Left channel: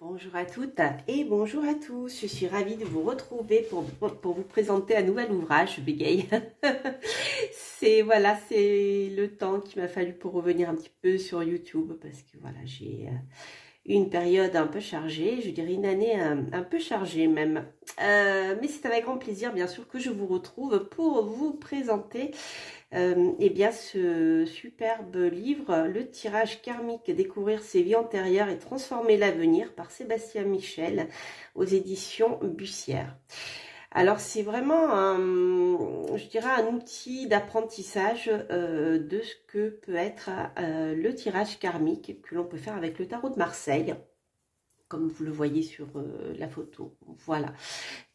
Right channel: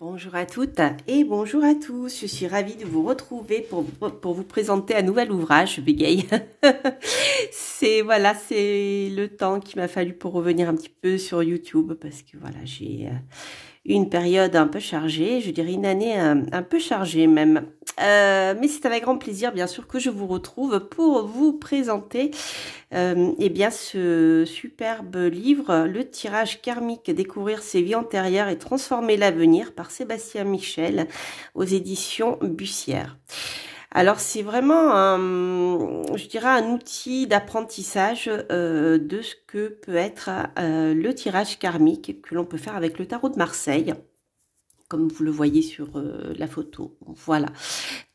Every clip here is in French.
Bonjour à toutes et bonjour à tous. Je suis ravie de vous retrouver pour vous présenter un nouvel ouvrage. Je bégaye. C'est le temps qu'il m'a fallu pour revenir un petit peu sur YouTube parce que voilà, j'ai eu une période un peu chargée, je dirais une année un peu chargée même. Mais c'est avec grand plaisir bien sûr que je vous retrouve pour vous présenter eh bien ce superbe livre, Le tirage karmique, découvrir ses vies antérieures et transformer l'avenir, par Sébastien Michel aux éditions Bussière. Alors c'est vraiment je dirais un outil d'apprentissage de ce que peut être le tirage karmique que l'on peut faire avec le tarot de Marseille, comme vous le voyez sur la photo. Voilà,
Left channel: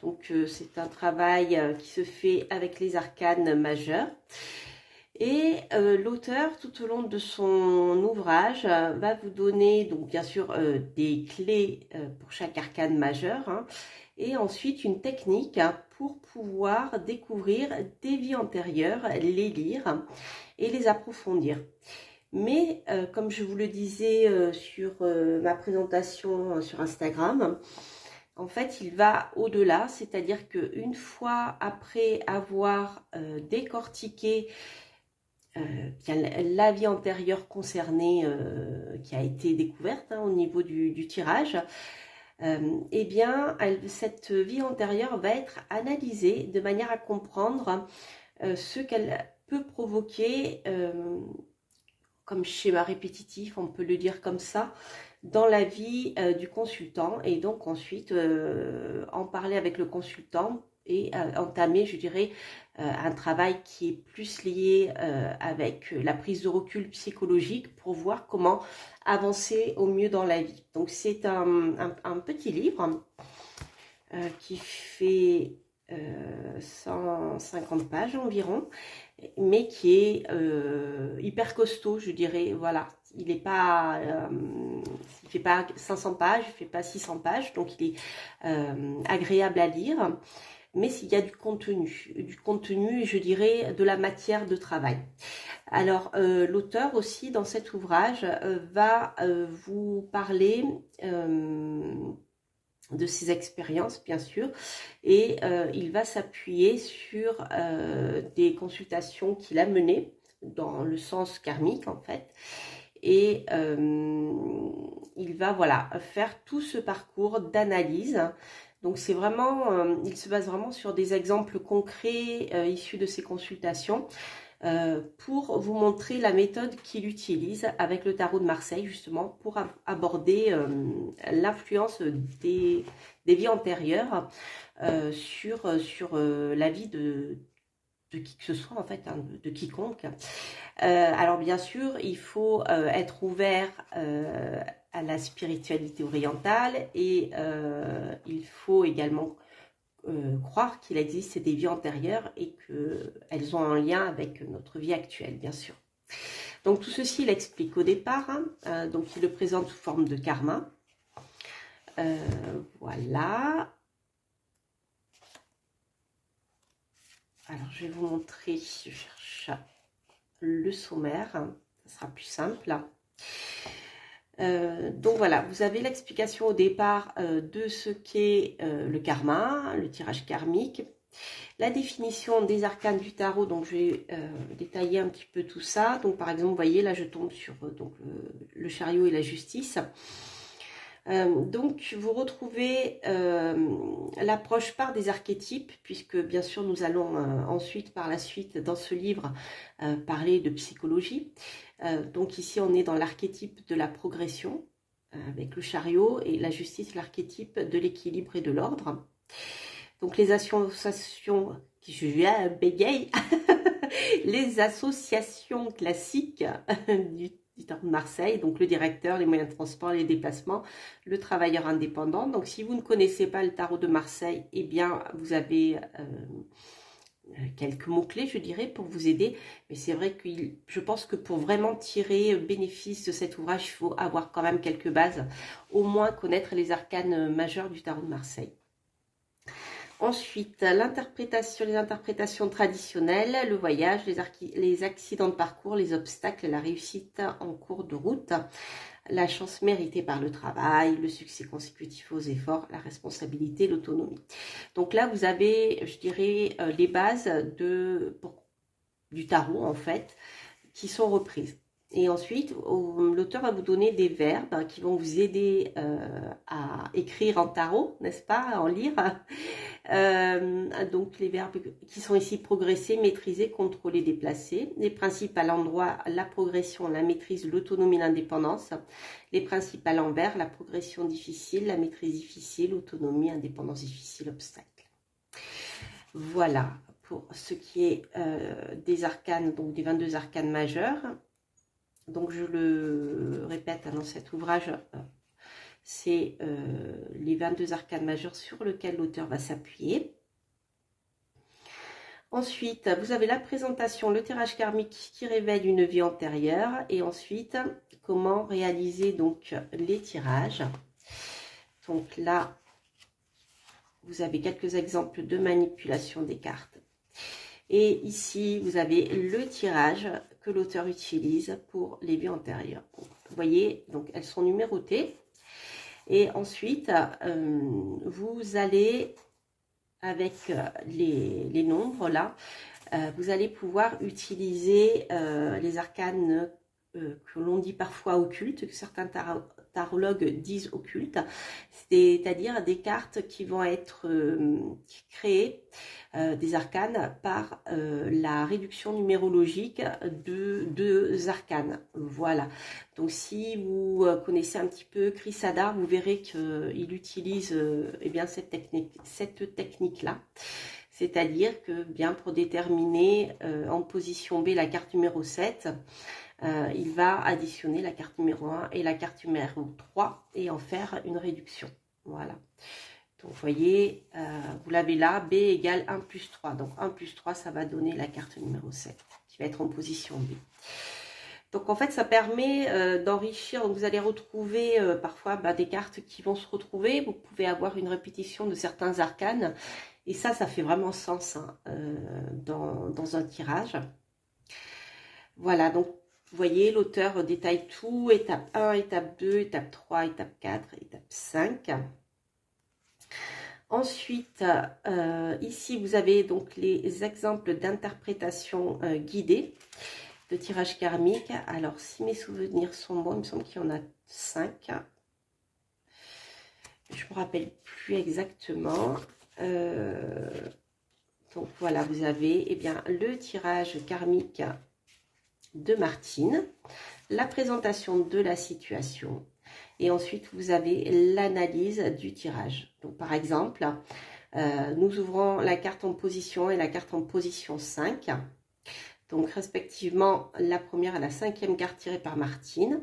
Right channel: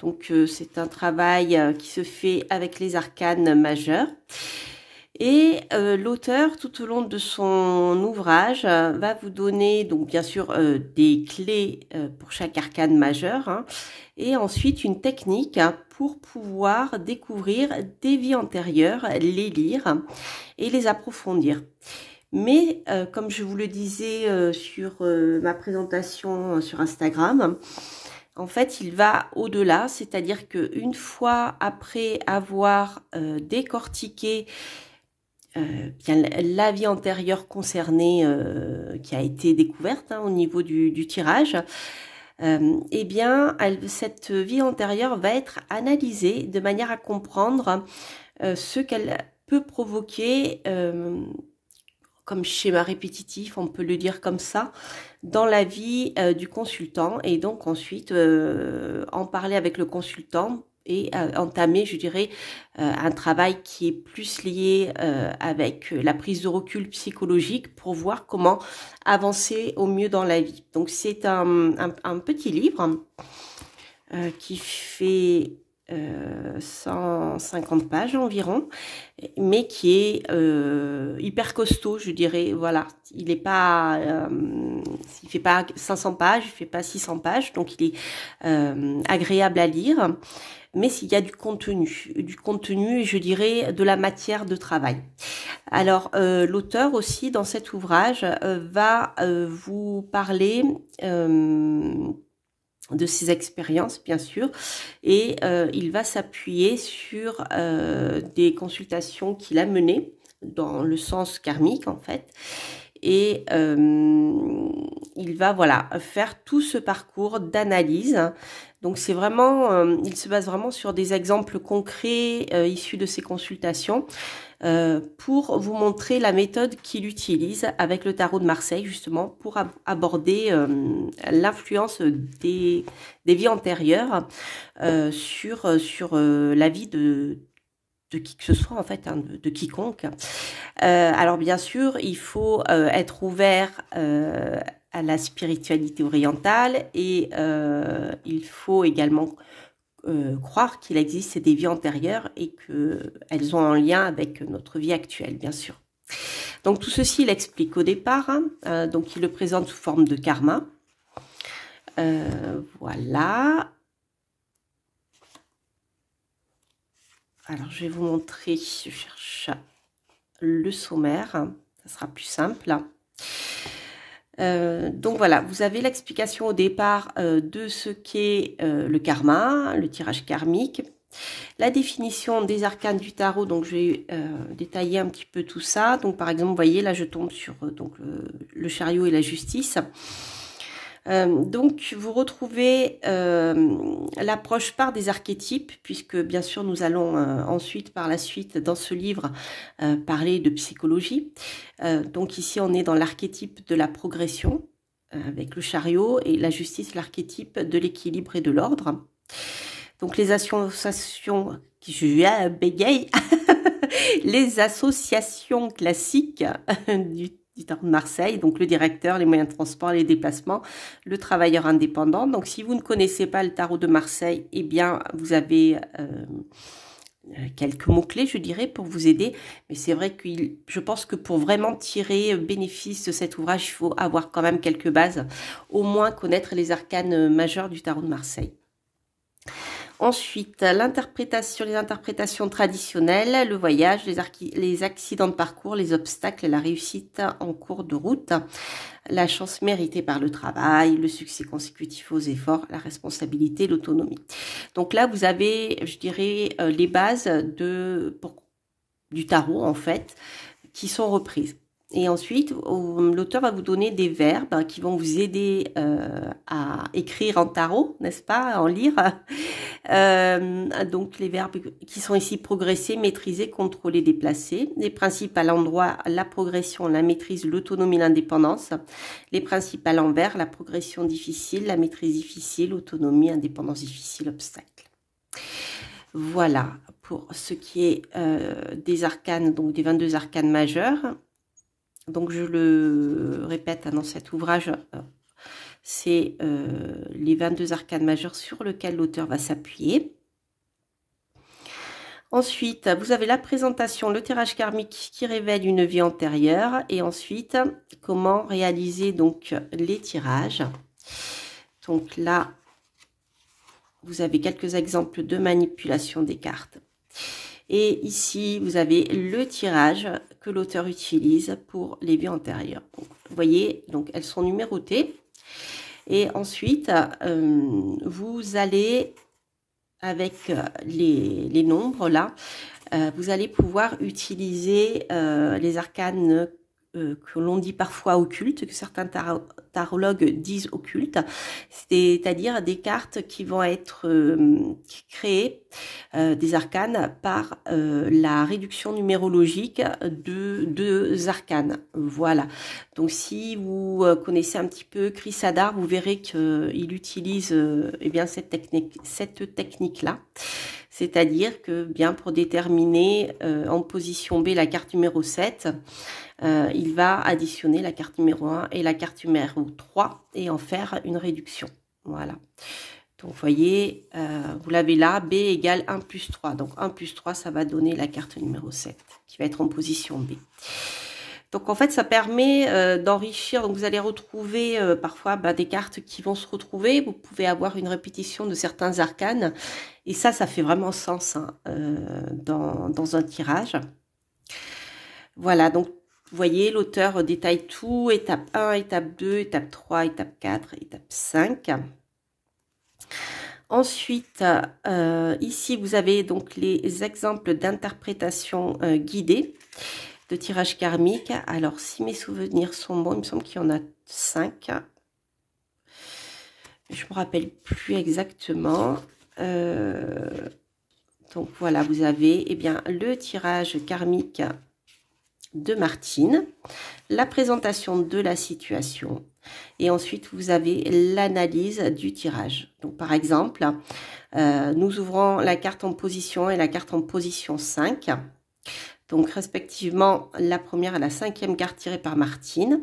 donc c'est un travail qui se fait avec les arcanes majeurs. Et l'auteur, tout au long de son ouvrage, va vous donner donc bien sûr des clés pour chaque arcane majeur, hein, et ensuite une technique pour pouvoir découvrir des vies antérieures, les lire et les approfondir. Mais comme je vous le disais sur ma présentation sur Instagram, en fait, il va au-delà, c'est-à-dire qu'une fois après avoir décortiqué bien la vie antérieure concernée qui a été découverte au niveau du tirage, eh bien, cette vie antérieure va être analysée de manière à comprendre ce qu'elle peut provoquer comme schéma répétitif, on peut le dire comme ça, dans la vie du consultant, et donc ensuite en parler avec le consultant et entamer, je dirais, un travail qui est plus lié avec la prise de recul psychologique pour voir comment avancer au mieux dans la vie. Donc c'est un petit livre qui fait 150 pages environ, mais qui est hyper costaud, je dirais. Voilà, il est pas, il fait pas 500 pages, il fait pas 600 pages, donc il est agréable à lire. Mais s'il y a du contenu et je dirais de la matière de travail. Alors l'auteur aussi dans cet ouvrage va vous parler de ses expériences bien sûr, et il va s'appuyer sur des consultations qu'il a menées dans le sens karmique en fait, et il va voilà faire tout ce parcours d'analyse. Donc c'est vraiment, il se base vraiment sur des exemples concrets issus de ces consultations pour vous montrer la méthode qu'il utilise avec le tarot de Marseille, justement, pour aborder l'influence des vies antérieures sur la vie de qui que ce soit, en fait, hein, de quiconque. Alors, bien sûr, il faut être ouvert à la spiritualité orientale, et il faut également croire qu'il existe des vies antérieures et qu'elles ont un lien avec notre vie actuelle, bien sûr. Donc tout ceci, il explique au départ, hein, donc il le présente sous forme de karma. Voilà. Alors je vais vous montrer, je cherche le sommaire, hein, ça sera plus simple. Donc voilà, vous avez l'explication au départ de ce qu'est le karma, le tirage karmique, la définition des arcanes du tarot. Donc je vais détailler un petit peu tout ça. Donc par exemple, vous voyez là je tombe sur donc, le chariot et la justice. Donc vous retrouvez l'approche par des archétypes, puisque bien sûr nous allons ensuite par la suite dans ce livre parler de psychologie. Donc ici on est dans l'archétype de la progression avec le chariot, et la justice l'archétype de l'équilibre et de l'ordre. Donc les associations qui je bégaye les associations classiques du tarot de Marseille, donc le directeur, les moyens de transport, les déplacements, le travailleur indépendant. Donc si vous ne connaissez pas le tarot de Marseille, eh bien vous avez quelques mots-clés, je dirais, pour vous aider. Mais c'est vrai que je pense que pour vraiment tirer bénéfice de cet ouvrage, il faut avoir quand même quelques bases, au moins connaître les arcanes majeures du tarot de Marseille. Ensuite, les interprétations traditionnelles, le voyage, les accidents de parcours, les obstacles, la réussite en cours de route, la chance méritée par le travail, le succès consécutif aux efforts, la responsabilité, l'autonomie. Donc là, vous avez, je dirais, les bases du tarot, en fait, qui sont reprises. Et ensuite, l'auteur va vous donner des verbes qui vont vous aider à écrire en tarot, n'est-ce pas, en lire. Donc les verbes qui sont ici progresser, maîtriser, contrôler, déplacer. Les principes à l'endroit, la progression, la maîtrise, l'autonomie, l'indépendance. Les principes à l'envers, la progression difficile, la maîtrise difficile, l'autonomie, indépendance difficile, obstacle. Voilà pour ce qui est des arcanes, donc des 22 arcanes majeurs. Donc je le répète, dans cet ouvrage, c'est les 22 arcanes majeures sur lesquelles l'auteur va s'appuyer. Ensuite, vous avez la présentation, le tirage karmique qui révèle une vie antérieure. Et ensuite, comment réaliser donc les tirages. Donc là, vous avez quelques exemples de manipulation des cartes. Et ici, vous avez le tirage que l'auteur utilise pour les vies antérieures. Donc, vous voyez, donc elles sont numérotées. Et ensuite, vous allez, avec les nombres là, vous allez pouvoir utiliser les arcanes que l'on dit parfois occultes, que certains tarologues disent occultes, c'est-à-dire des cartes qui vont être créées, des arcanes, par la réduction numérologique de deux arcanes. Voilà. Donc si vous connaissez un petit peu Chris Hadar, vous verrez qu'il utilise eh bien, cette technique-là. C'est-à-dire que bien pour déterminer en position B la carte numéro 7, il va additionner la carte numéro 1 et la carte numéro 3 et en faire une réduction. Voilà. Donc vous voyez, vous l'avez là, B égale 1 plus 3. Donc 1 plus 3, ça va donner la carte numéro 7 qui va être en position B. Donc en fait, ça permet d'enrichir. Donc vous allez retrouver parfois des cartes qui vont se retrouver. Vous pouvez avoir une répétition de certains arcanes. Et ça fait vraiment sens hein, dans un tirage. Voilà, donc vous voyez, l'auteur détaille tout. Étape 1, étape 2, étape 3, étape 4, étape 5. Ensuite, ici, vous avez donc les exemples d'interprétation guidée de tirage karmique. Alors, si mes souvenirs sont bons, il me semble qu'il y en a 5. Je ne me rappelle plus exactement. Donc, voilà, vous avez eh bien, le tirage karmique de Martine, la présentation de la situation. Et ensuite, vous avez l'analyse du tirage. Donc, par exemple, nous ouvrons la carte en position 1 et la carte en position 5. Donc, respectivement, la première et la 5e carte tirée par Martine.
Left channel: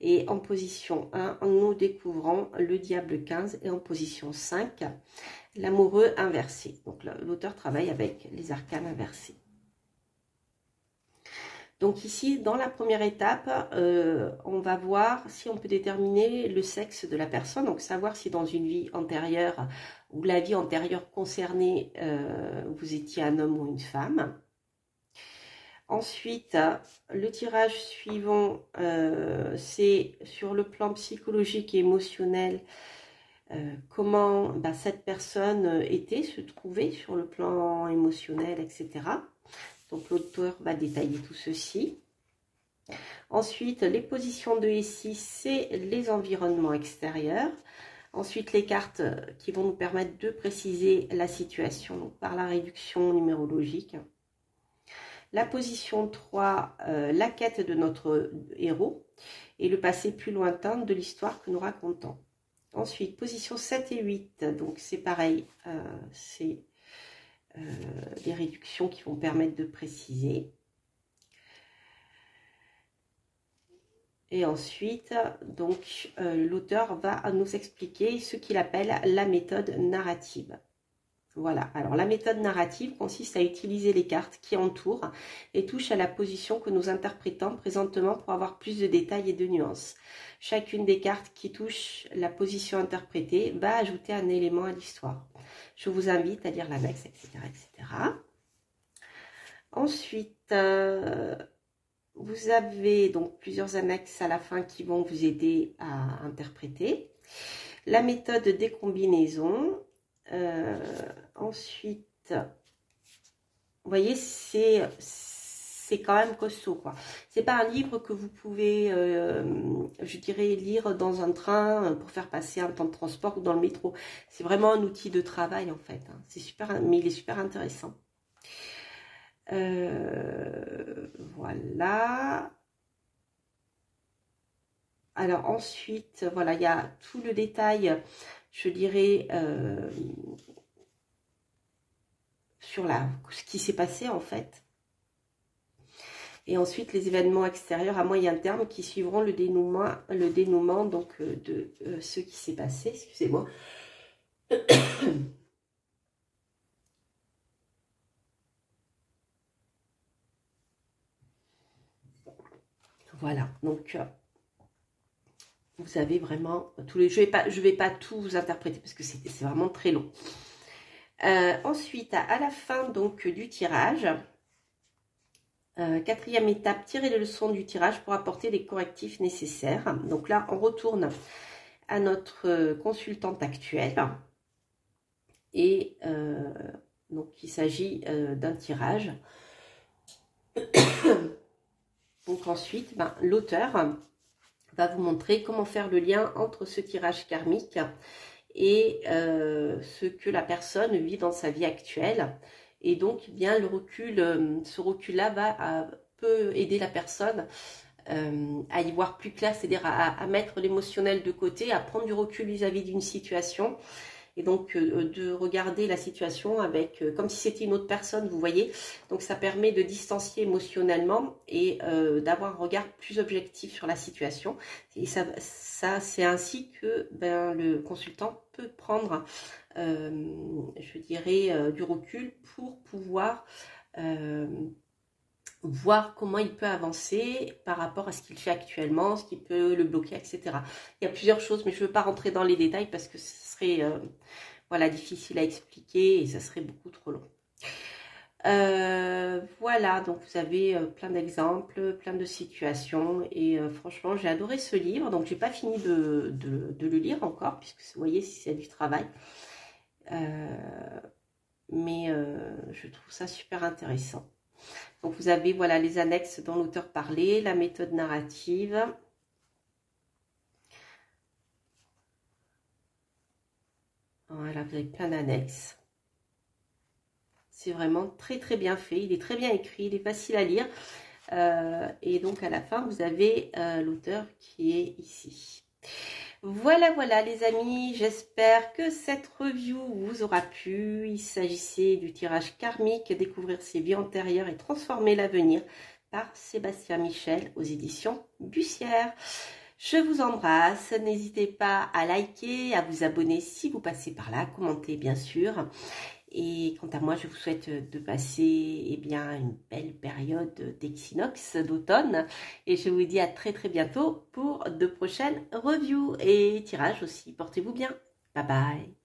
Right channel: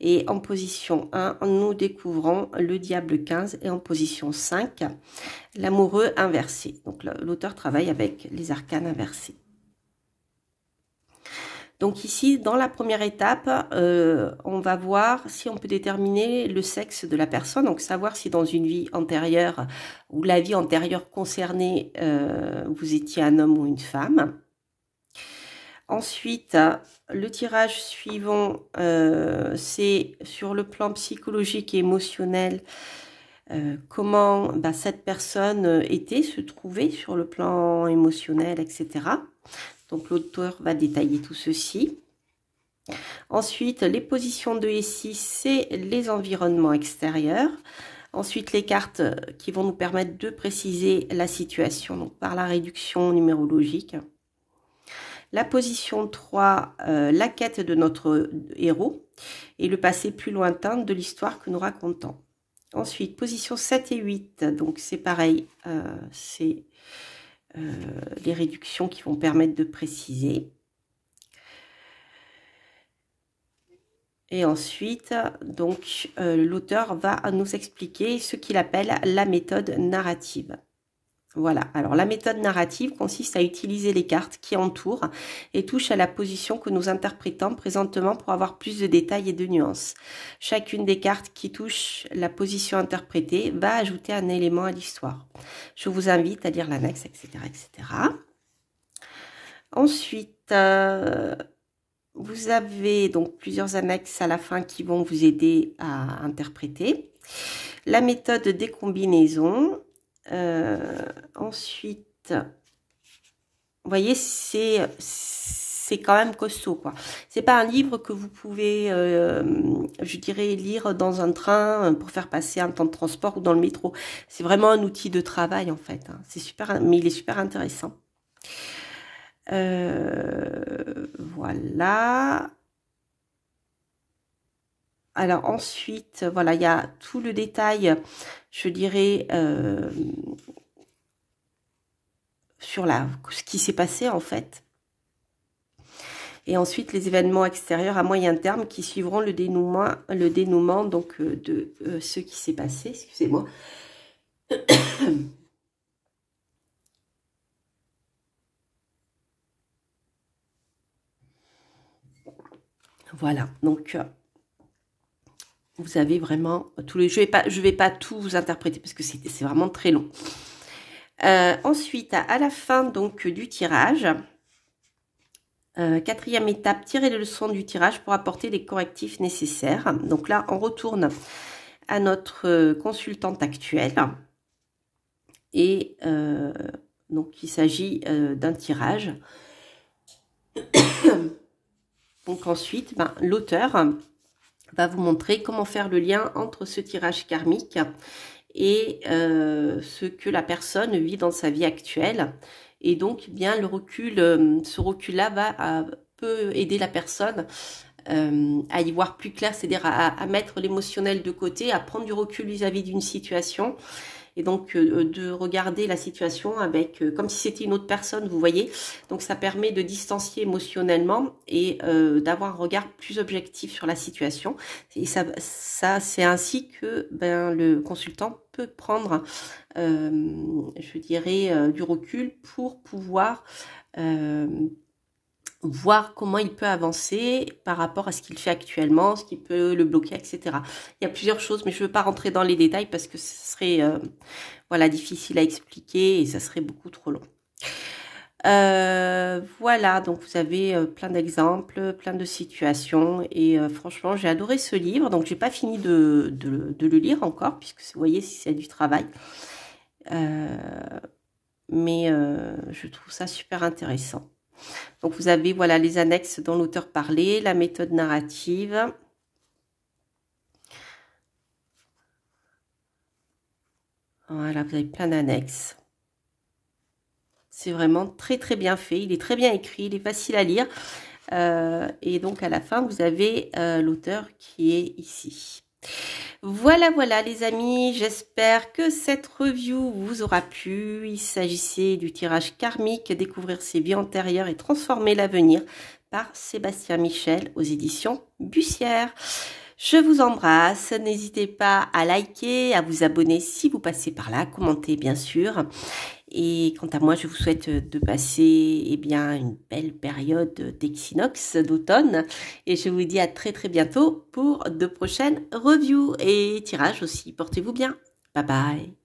Et en position 1, nous découvrons le diable 15 et en position 5, l'amoureux inversé. Donc, l'auteur travaille avec les arcanes inversés. Donc ici, dans la première étape, on va voir si on peut déterminer le sexe de la personne. Donc, savoir si dans une vie antérieure ou la vie antérieure concernée, vous étiez un homme ou une femme. Ensuite, le tirage suivant, c'est sur le plan psychologique et émotionnel, comment cette personne était, se trouvait sur le plan émotionnel, etc. Donc l'auteur va détailler tout ceci. Ensuite, les positions 2 et 6, c'est les environnements extérieurs. Ensuite, les cartes qui vont nous permettre de préciser la situation donc par la réduction numérologique. La position 3, la quête de notre héros et le passé plus lointain de l'histoire que nous racontons. Ensuite, position 7 et 8, donc c'est pareil, c'est les réductions qui vont permettre de préciser. Et ensuite, donc, l'auteur va nous expliquer ce qu'il appelle la méthode narrative. Voilà, alors la méthode narrative consiste à utiliser les cartes qui entourent et touchent à la position que nous interprétons présentement pour avoir plus de détails et de nuances. Chacune des cartes qui touche la position interprétée va ajouter un élément à l'histoire. Je vous invite à lire l'annexe, etc., etc. Ensuite, vous avez donc plusieurs annexes à la fin qui vont vous aider à interpréter. La méthode des combinaisons. Ensuite, vous voyez, c'est quand même costaud, quoi. C'est pas un livre que vous pouvez, je dirais, lire dans un train pour faire passer un temps de transport ou dans le métro. C'est vraiment un outil de travail, en fait. Hein. C'est super, mais il est super intéressant. Voilà. Alors ensuite, voilà, il y a tout le détail, je dirais, sur ce qui s'est passé en fait. Et ensuite, les événements extérieurs à moyen terme qui suivront le dénouement donc, de ce qui s'est passé. Excusez-moi. Voilà, donc vous avez vraiment tous les... Je vais pas tout vous interpréter parce que c'est vraiment très long. Ensuite, à la fin donc du tirage, quatrième étape, tirer les leçons du tirage pour apporter les correctifs nécessaires. Donc là, on retourne à notre consultante actuelle. Et donc, il s'agit d'un tirage. Donc ensuite, l'auteur va vous montrer comment faire le lien entre ce tirage karmique et ce que la personne vit dans sa vie actuelle. Et donc, bien, le recul, ce recul-là peut aider la personne à y voir plus clair, c'est-à-dire à mettre l'émotionnel de côté, à prendre du recul vis-à-vis d'une situation. Et donc, de regarder la situation avec, comme si c'était une autre personne, vous voyez. Donc, ça permet de distancier émotionnellement et d'avoir un regard plus objectif sur la situation. Et ça c'est ainsi que le consultant peut prendre, je dirais, du recul pour pouvoir voir comment il peut avancer par rapport à ce qu'il fait actuellement, ce qui peut le bloquer, etc. Il y a plusieurs choses, mais je ne veux pas rentrer dans les détails parce que ce serait voilà, difficile à expliquer et ça serait beaucoup trop long. Voilà, donc vous avez plein d'exemples, plein de situations et franchement, j'ai adoré ce livre. Donc, j'ai pas fini de le lire encore puisque vous voyez, si c'est du travail. Mais je trouve ça super intéressant. Donc, vous avez voilà, les annexes dont l'auteur parlait, la méthode narrative. Voilà, vous avez plein d'annexes. C'est vraiment très, très bien fait. Il est très bien écrit, il est facile à lire. Et donc, à la fin, vous avez l'auteur qui est ici. Voilà, voilà les amis, j'espère que cette review vous aura plu. Il s'agissait du tirage karmique, découvrir ses vies antérieures et transformer l'avenir par Sébastien Michel aux éditions Bussière. Je vous embrasse, n'hésitez pas à liker, à vous abonner si vous passez par là, commenter bien sûr. Et quant à moi, je vous souhaite de passer une belle période d'équinoxe d'automne. Et je vous dis à très très bientôt pour de prochaines reviews et tirages aussi. Portez-vous bien. Bye bye.